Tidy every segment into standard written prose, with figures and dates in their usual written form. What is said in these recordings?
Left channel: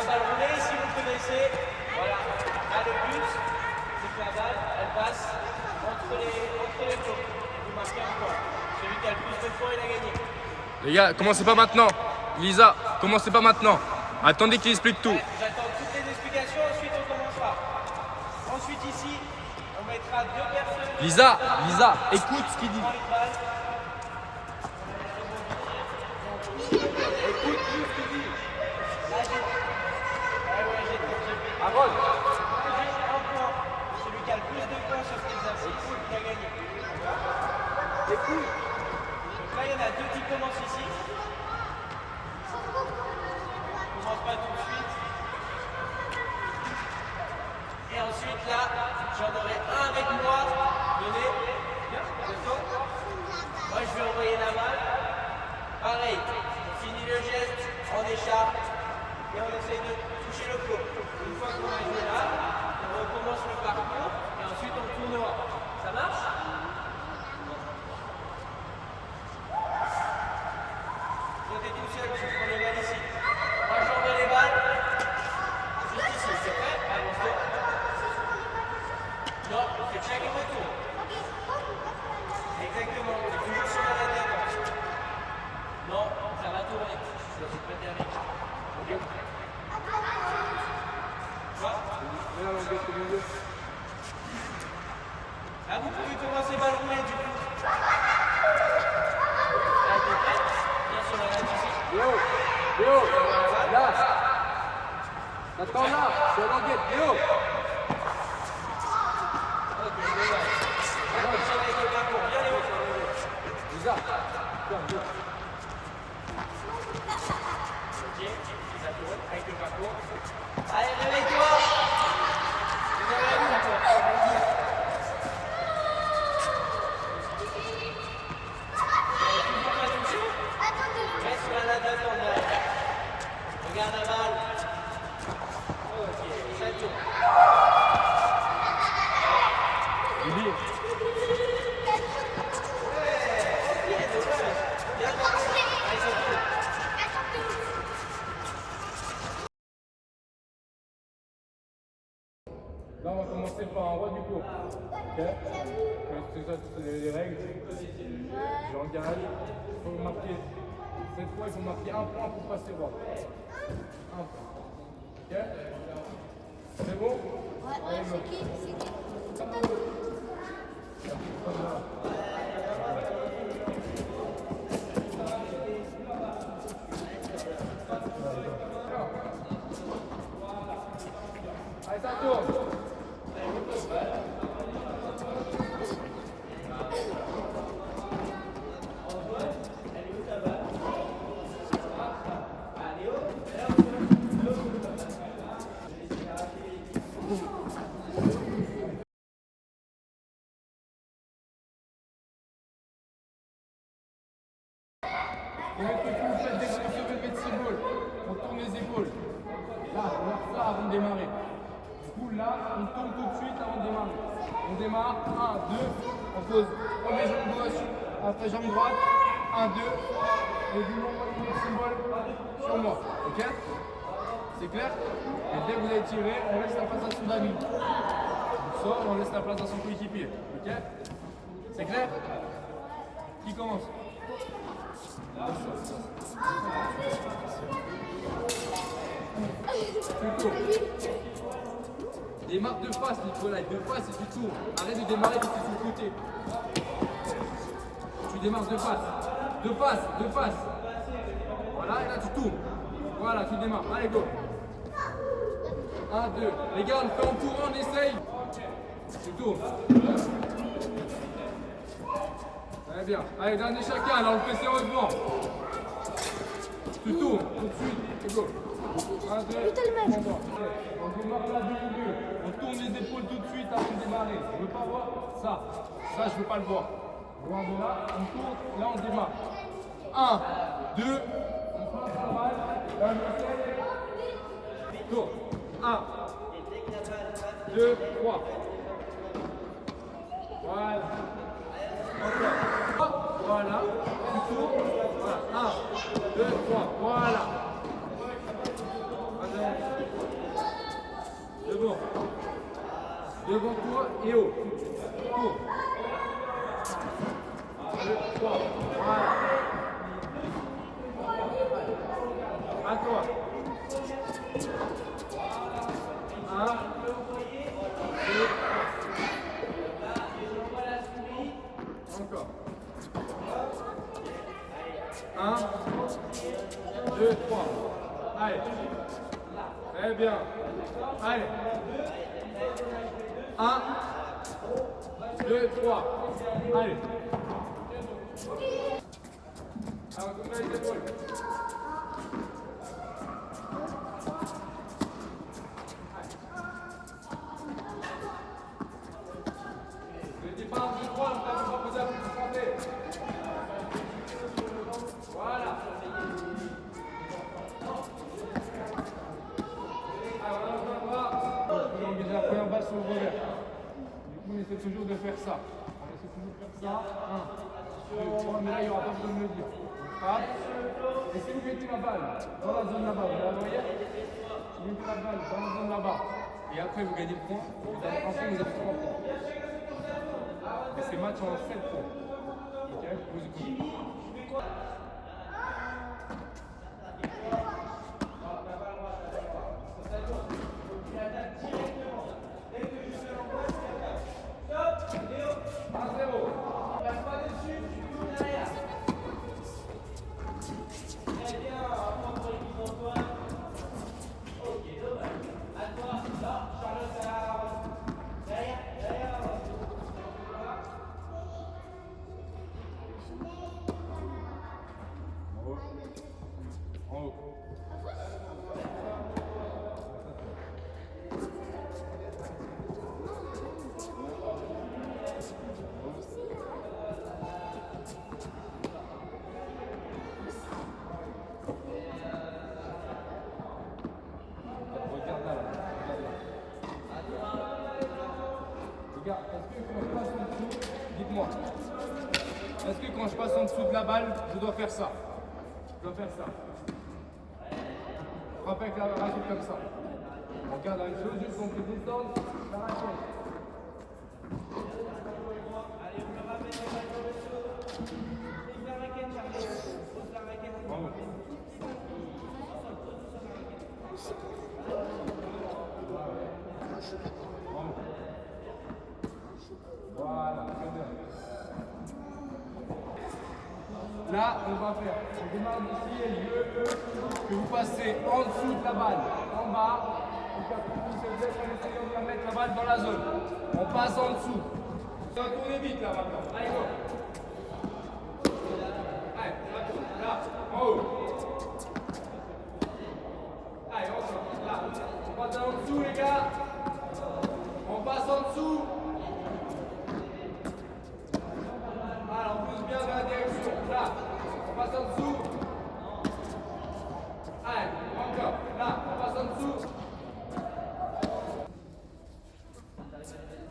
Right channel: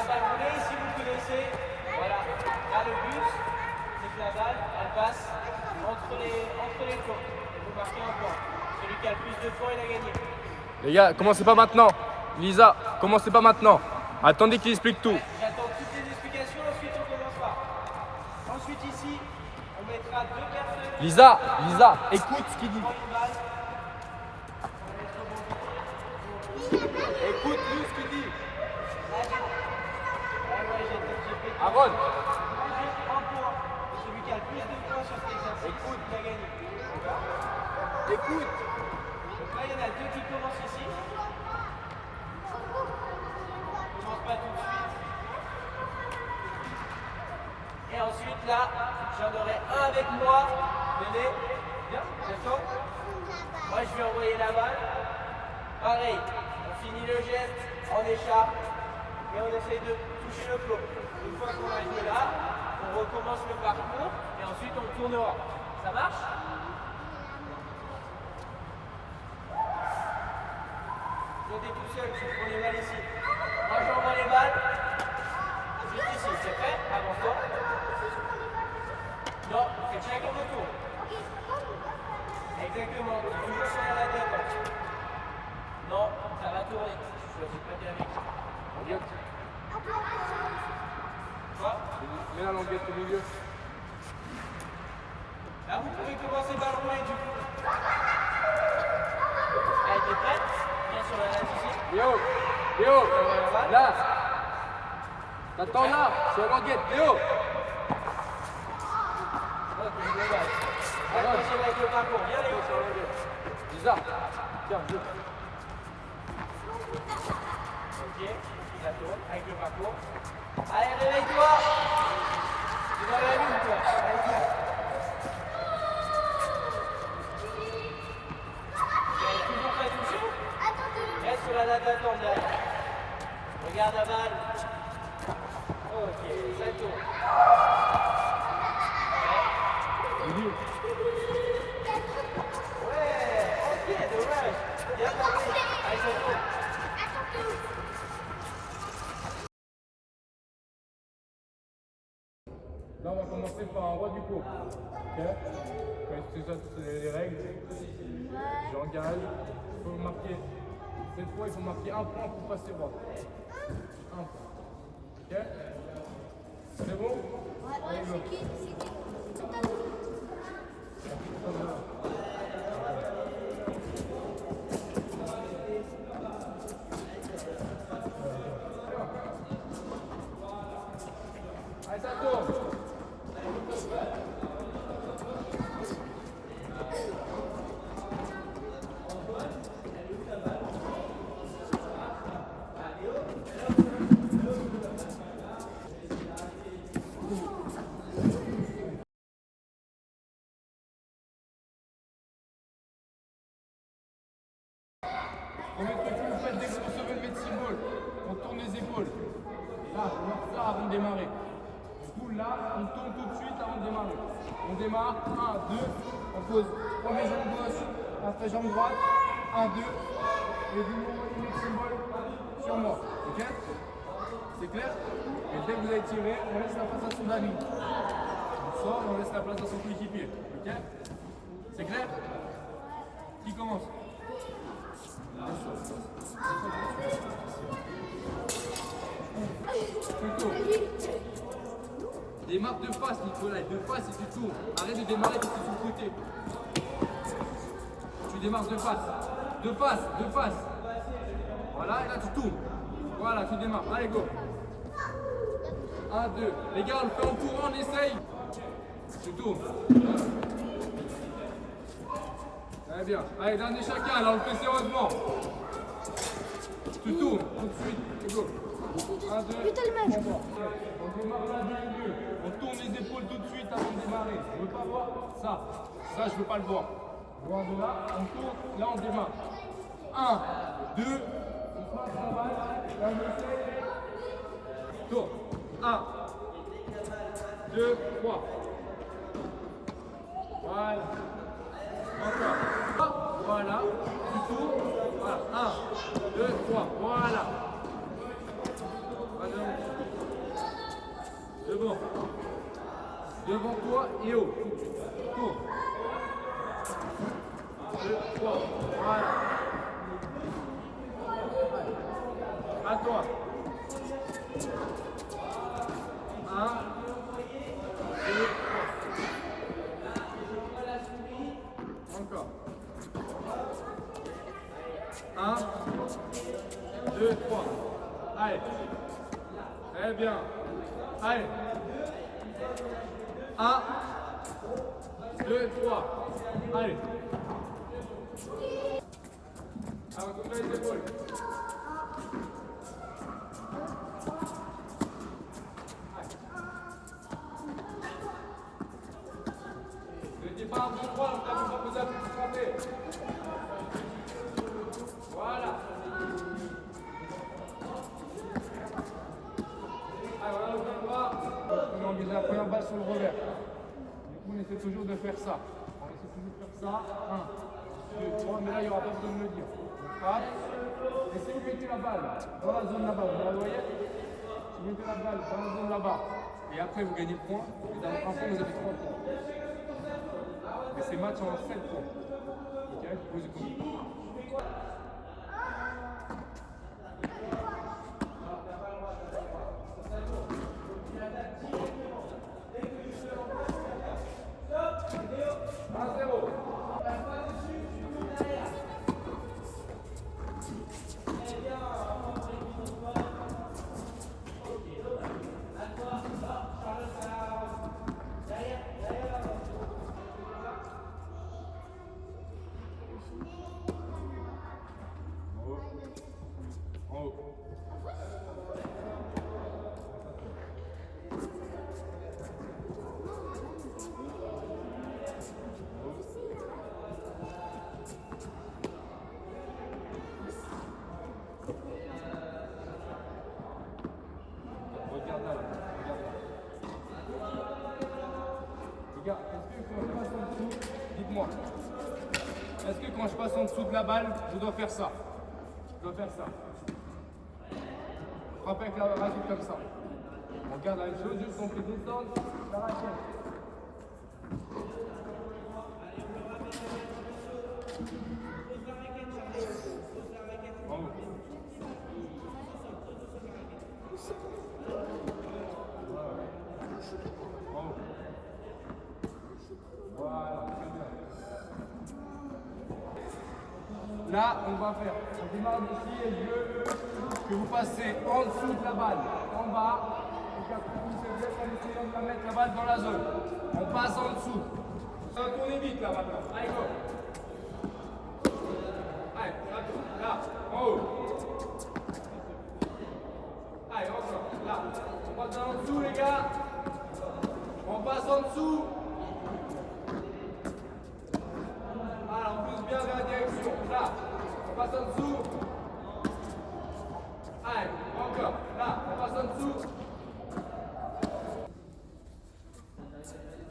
La balle roulée, si vous connaissez. Voilà. Là, le but, c'est que la balle, elle passe entre les flots. Et vous marquez un point. Celui qui a le plus de points, il a gagné. Les gars, commencez pas maintenant. Lisa, commencez pas maintenant. Attendez qu'il explique tout. J'attends toutes les explications, ensuite on commencera. Ensuite ici, on mettra 2 personnes. Lisa, écoute ce qu'il dit. Écoute tout ce qu'il dit. Là, j'ai un point. Celui qui a le plus de points sur cet exercice, il a gagné. Écoute. Donc là, il y en a 2 qui commencent ici. On commence pas tout de suite. Et ensuite là, j'en aurai un avec moi. Venez. Bien, d'accord. Moi je vais envoyer la balle. Pareil, on finit le geste, on écharpe et on essaye de toucher le flot. Une fois qu'on a joué là, on recommence le parcours et ensuite on tournera. Ça marche? Toi t'es tout seul, tu prends les balles ici. Moi j'envoie les balles. Juste ici, c'est fait? Avance-toi. Non, c'est chacun retour. Exactement, c'est toujours sur la tête. Non, ça va tourner. Je suis pas avec. Ok. Quoi? Là, vous pouvez commencer balle roulée du coup. Elle était prête? Bien sur la tête ici. Là. Attends là, sur la guette, Léo. Attention avec le parcours, bien Léo. Lisa, Ok, ça tourne avec le parcours. Allez, réveille-toi. Tu vas la lune, toi. Toujours pas touché? Reste sur la natte d'attente derrière. Regarde la balle. Ok, ça tourne. Là, on va commencer par un roi du cours. Ok? C'est ça, c'est les règles. J'engage. Il faut marquer. Cette fois, il faut marquer un point pour passer roi. Un point. Ok? C'est bon? Allez, go. Allez, ça tourne. Premier truc que vous faites dès que vous recevez le médecine ball, on tourne les épaules. Là, on va faire ça avant de démarrer. Du coup, là, on tourne tout de suite avant de démarrer. On démarre, 1, 2, on pose premier jambe gauche, après jambe droite, 1, 2, et du moment où le médecine ball sur moi. Ok? C'est clair? Et dès que vous avez tiré, on laisse la place à son ami. On sort et on laisse la place à son coéquipier. Ok? C'est clair? Qui commence? Plutôt. Démarre de face, Nicolas, de face et tu tournes. Arrête de démarrer quand tu es sur le côté. Tu démarres de face. De face, de face. Voilà, et là tu tournes. Voilà, tu démarres. Allez, go. 1, 2. Les gars, on le fait en courant, on essaye. Tu tournes. Très bien. Allez, dernier chacun, là on le fait sérieusement. Tu tournes tout de suite. Et go. 1, 2, on démarre là du milieu. On tourne les épaules tout de suite avant de démarrer. Je veux pas voir ça. Ça, je veux pas le voir. Voir de là, on tourne, là on démarre. 1, 2, on fait un travail. Là on essaie. Tourne. 1, 2, 3. Voilà. Encore. Voilà. Tu tournes. Voilà. 1, 2, 3. Voilà. Vas-y. devant toi et haut. Tourne. 2, 3. Voilà. À toi. 1, 2, 3. Encore. 1, 2, 3. Allez. Très bien. Allez. 1, 2, 3. Allez. Alors, comme les épaules. Le départ du droit, on t'a pas posé à plus de frapper. Voilà. Alors là, on va engager la première balle sur le revers. Du coup, on essaie toujours de faire ça. On essaie toujours de faire ça. 1, 2, 3, mais là, il n'y aura pas besoin de me le dire. On frappe. Et si vous mettez la balle dans la zone là-bas, vous la voyez? Vous mettez la balle dans la zone là-bas. Et après, vous gagnez le point. Et dans un point, vous avez 3 points. Et ces matchs en 7 points. Ok? Vous écoutez. En haut. Regarde là, regarde, est-ce que quand je passe en dessous, dites-moi, est-ce que quand je passe en dessous de la balle, je dois faire ça? Je dois faire ça. Frapper avec la raquette comme ça. On regarde la même chose, juste on fait descendre la raquette. En haut. En haut. Voilà, très bien. Là, on va faire, on démarre d'ici et je veux que vous passez en dessous de la balle, en bas, et qu'après vous êtes en essayant de la mettre la balle dans la zone. On passe en dessous. Ça va tourner vite là maintenant. Allez, go. Allez, ça tourne. Là, en haut. Allez, encore. Là. On passe en dessous, les gars. On passe en dessous. Voilà, on pousse bien vers la direction. Là, on passe en dessous. Allez, encore. Là, on passe en dessous.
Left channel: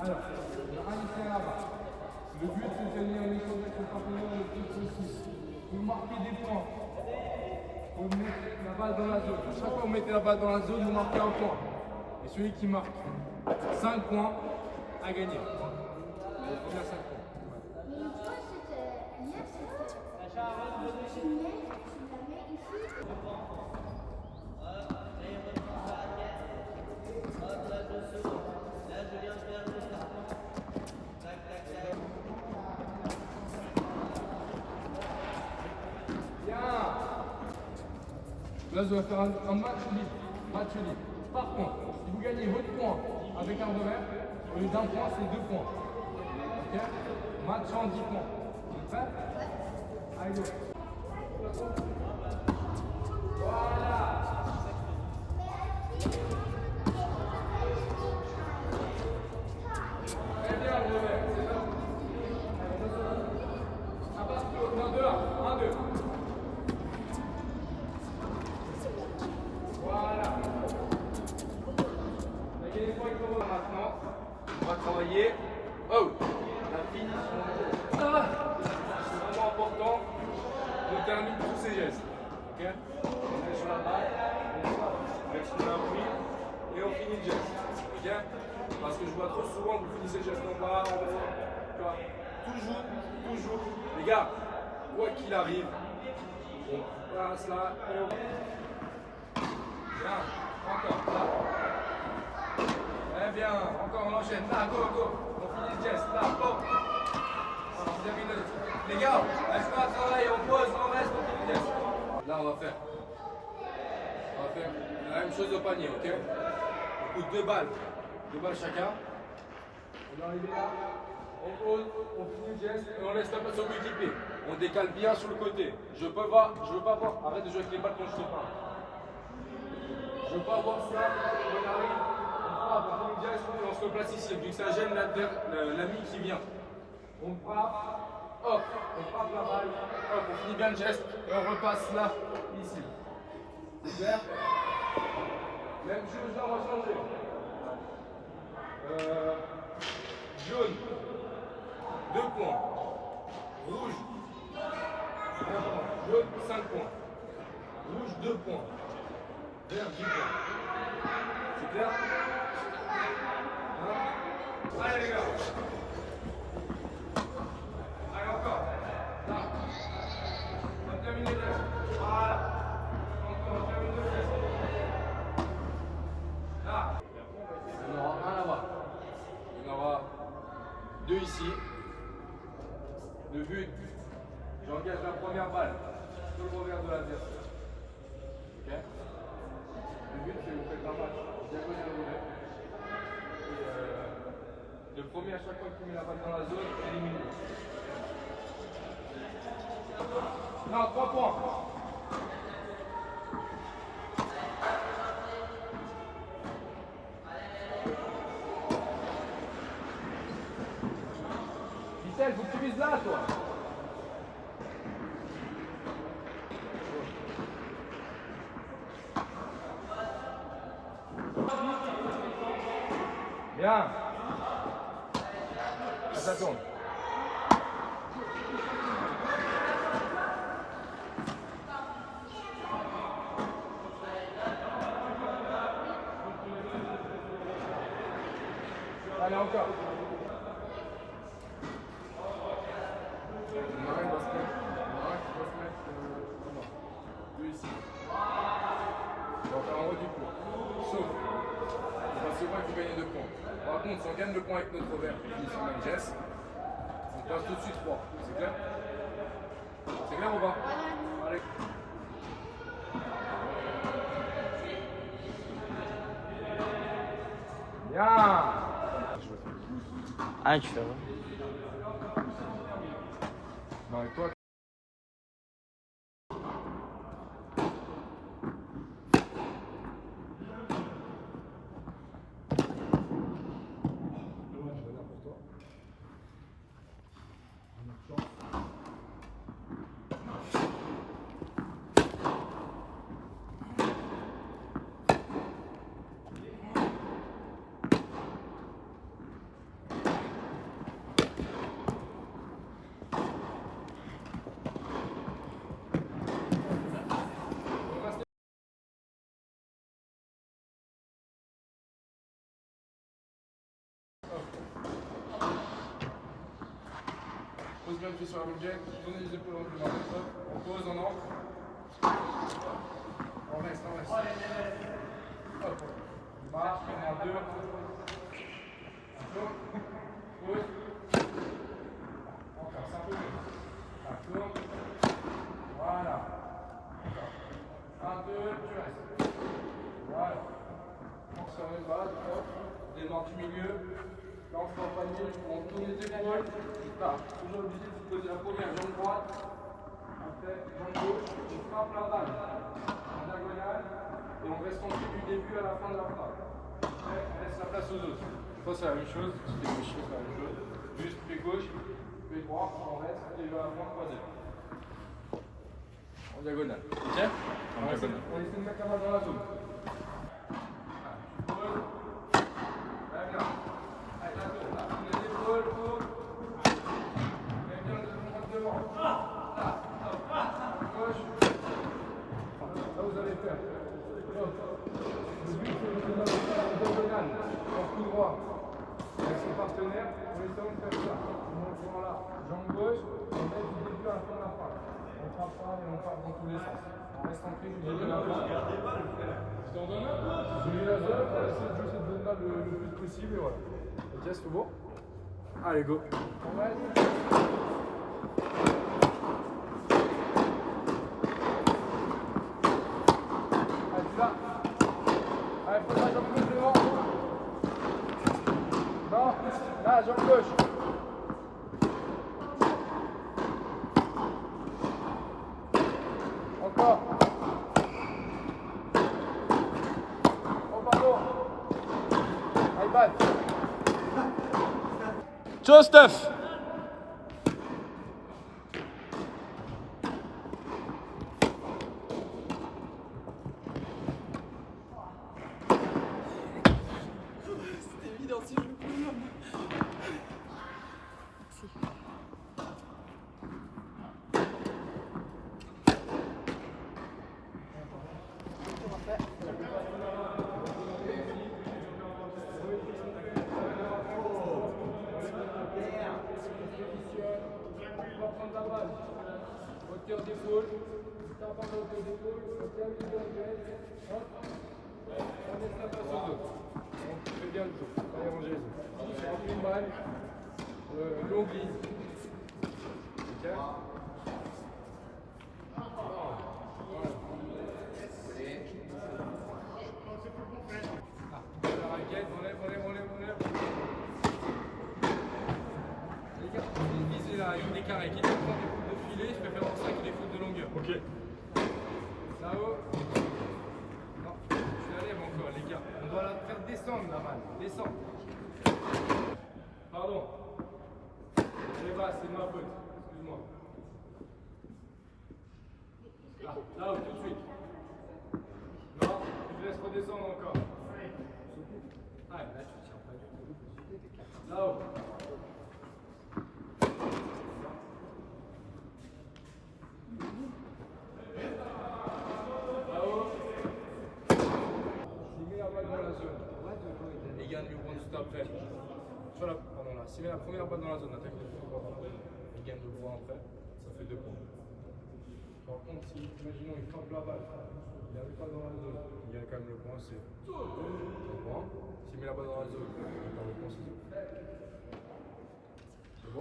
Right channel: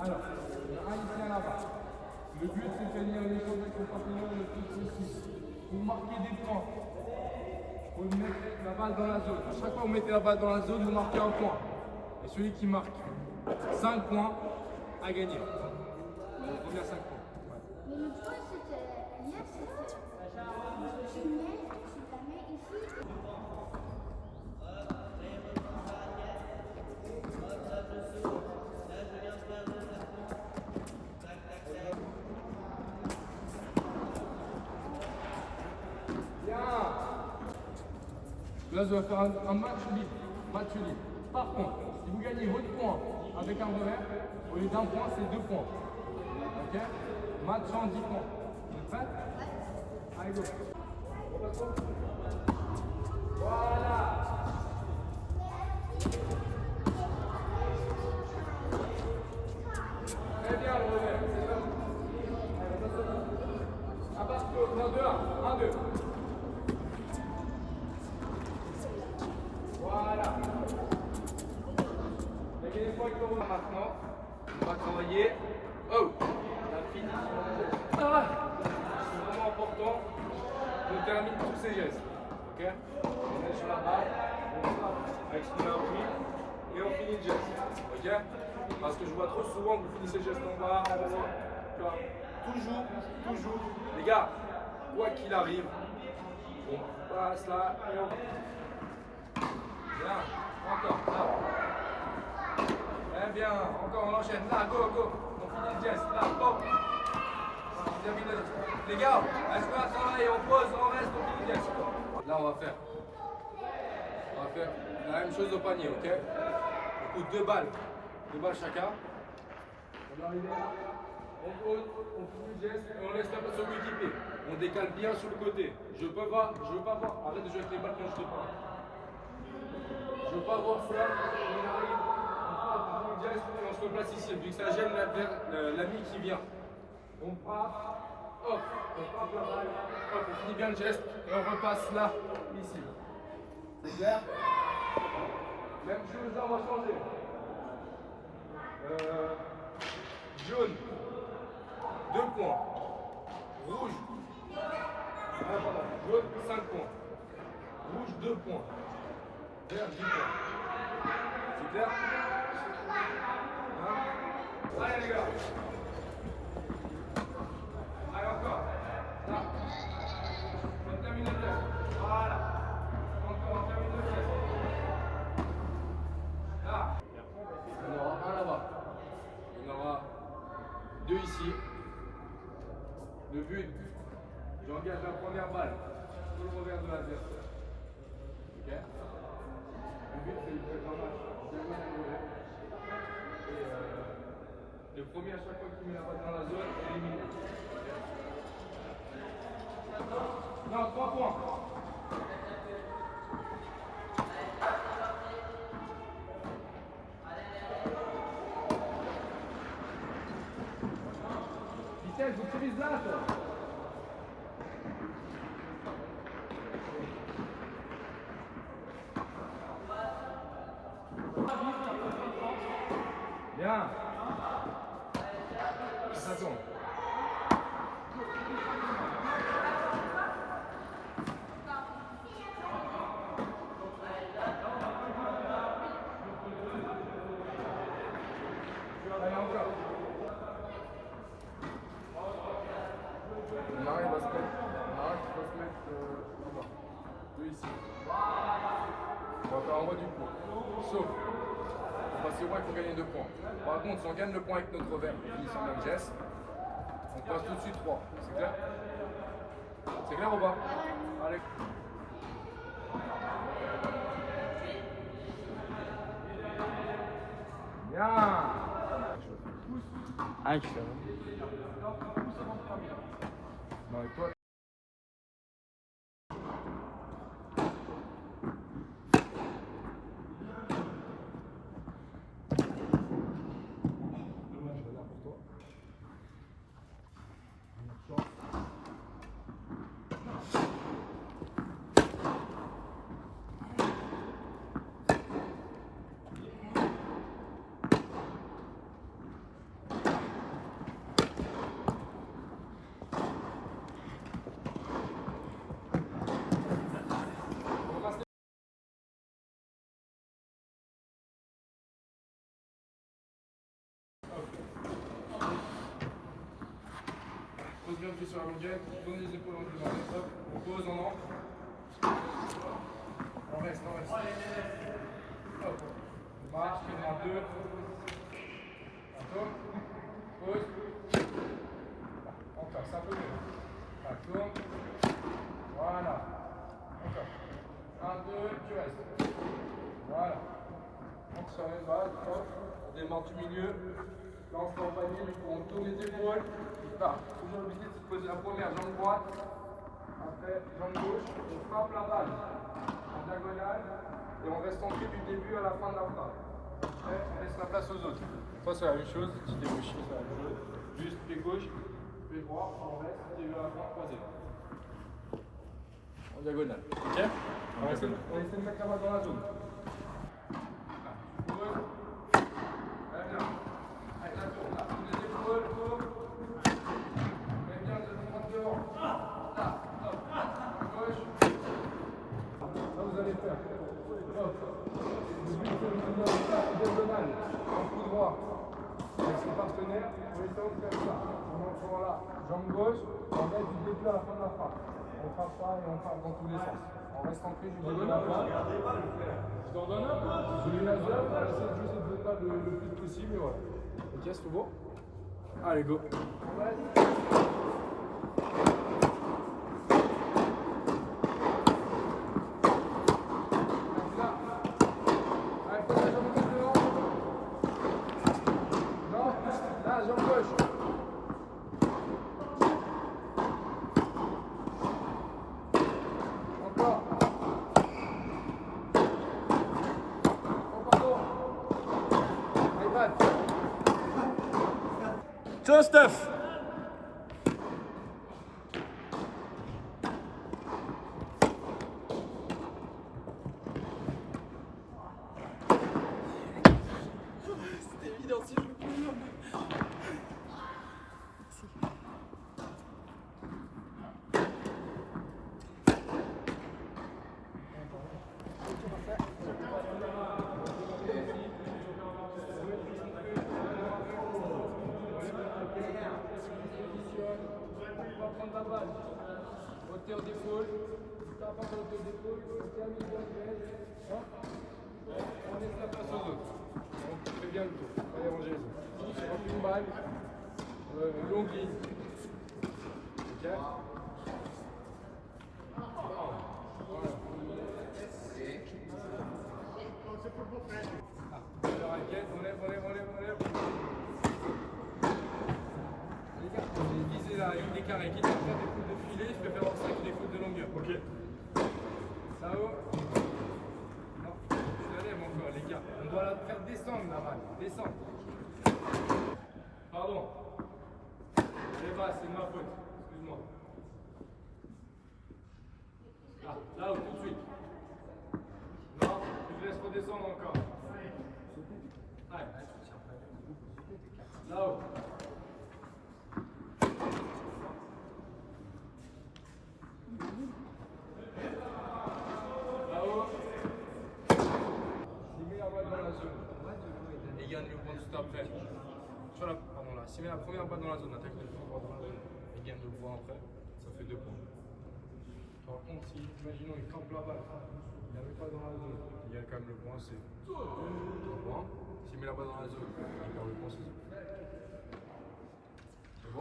Alors, le haïtien là-bas. Le but, c'est de tenir les choses avec le partenaire le plus possible. Pour marquer des points. Vous mettez la balle dans la zone. À chaque fois que vous mettez la balle dans la zone, vous marquez un point. Et celui qui marque 5 points a gagné. Donc, combien 5 points? Mais le point, c'était hier, c'était tu mets ici. Bien. Là, je vais faire un match libre. Match libre. Par contre, si vous gagnez votre point avec un revers, au lieu d'un point, c'est 2 points. Ok? Match en 10 points. Vous êtes prêts? Allez, go. Voilà. Très bien, le revers. C'est ça. À partir de 2, 1, 2. Voilà. Maintenant, on va travailler. Oh, la finition. C'est vraiment important. On termine tous ces gestes. Ok? On est sur la balle, on frappe avec ce qu'on a appris et on finit le geste. Ok? Parce que je vois trop souvent que vous finissez le geste en bas, en haut. Tu vois? Toujours. Les gars, quoi qu'il arrive, on passe là et on. Bien, encore, là. Eh bien, encore, on enchaîne. Là, go. On finit le geste. Là, pop. Voilà, on termine le geste. Les gars, laisse-moi à travailler, on pose, on reste, on finit le geste. Là, on va faire la même chose au panier, ok? On coûte 2 balles. 2 balles chacun. On est arrivé là. On pose, on finit le geste et on laisse la passe au coéquipier. On décale bien sur le côté. Je veux pas voir. Arrête de jouer avec les balles quand je te parle. Je veux pas voir ça. On arrive, on frappe, on finit le geste et on se replace ici. Vu que ça gêne l'ami qui vient. On frappe, hop, on frappe la balle, hop, on finit bien le geste et on repasse là, ici. C'est clair? Même chose là, on va changer. Jaune, 2 points. Rouge, jaune, 5 points. Rouge, 2 points. Vert, 10 points. C'est clair? Hein? Allez les gars. Allez encore. Là. On termine le geste. Voilà. Encore, on termine le geste. Là. Il y en aura un là-bas. Il y en aura 2 ici. Le but, j'engage la première balle sur le revers de l'adversaire. Ok? Le but, c'est que vous faites un match diagonal revers. Et le premier, à chaque fois qu'il met la balle dans la zone, élimine. Non, 3 points. Michel, faut que tu vises là, toi. Bien. Ça tourne. Allez, encore. Il y en a un qui doit se mettre là-bas. 2 ici. On va faire en haut du coup. Sauf, parce que moi, il faut gagner 2 points. Par contre, si on gagne le point avec notre revers, on finit sur le même geste, on passe tout de suite 3. C'est clair? C'est clair ou pas? Allez. Bien. Ah, tu fais. Bon, et toi? Pose bien le pied sur la montée, tournez les épaules en devant, hop, on pose, on entre. On reste. Hop, on marche, on prend 2. On tourne, pose. Encore, c'est un peu mieux. On tourne. Voilà. Encore. 1, 2, tu restes. Voilà. On se remet de base, hop, on démarre du milieu. Là, on se fait en panier, on tourne les épaules. Toujours obligé de se poser la première jambe droite, après jambe gauche, on frappe la balle en diagonale et on reste centré du début à la fin de la frappe. Après, on laisse la place aux autres. Ça, c'est la même chose. Si t'es gaucher, c'est la même chose. Juste pied gauche, pied droit, on reste et à la fin croisé. En diagonale. Ok? On essaie de mettre la balle dans la zone. Tu poses. Très bien. Allez, la tourne. Là, les épaules, tourne. Devant. Là, hop, gauche. Là, vous allez faire. Hop. Le but, c'est de Yann, en coup droit, avec son partenaire, pour les talons comme ça. On monte là, jambe gauche, on reste du début à la fin de la frappe. On frappe pas et on frappe dans tous les sens. On reste ancré du début à la fin. Je t'en donne un. J'ai mis la zone, on va essayer de jouer cette zone-là le plus possible et voilà. Ok, c'est tout bon? Allez, go. On va là, jambe gauche. Encore. Oh, pardon. iPad. Ciao, Steph. C'était évident si je le pouvais. On va prendre la balle. Hauteur d'épaule. Tape en hauteur d'épaule. On termine dans le geste. Hop. On laisse la place aux autres. On fait bien le tour. On va y ranger les autres. J'ai rempli une balle. Longue ligne. Ok. Voilà. La raquette, on lève. Les gars, visez la ligne des carrés. Quitte à faire des foutes de filet, je préfère avoir ça que des foutes de longueur. Ok. Là-haut. Non, je la lève encore, les gars. On doit la faire descendre la balle. Descendre. Pardon. Elle est basse, c'est de ma faute. Excuse-moi. Là-haut, tout de suite. Non, je laisse redescendre encore. Allez. Là-haut. Là-haut. S'il met la balle dans la zone et gagne le point juste après. S'il met la première balle dans la zone, attaque le coup droit dans la zone et gagne le point après, ça fait 2 points. Par contre, si, imaginons, il campe la balle, il n'arrive pas dans la zone, il gagne quand même le point, c'est 1 point. S'il met la balle dans la zone, il perd le point, c'est 0. C'est bon?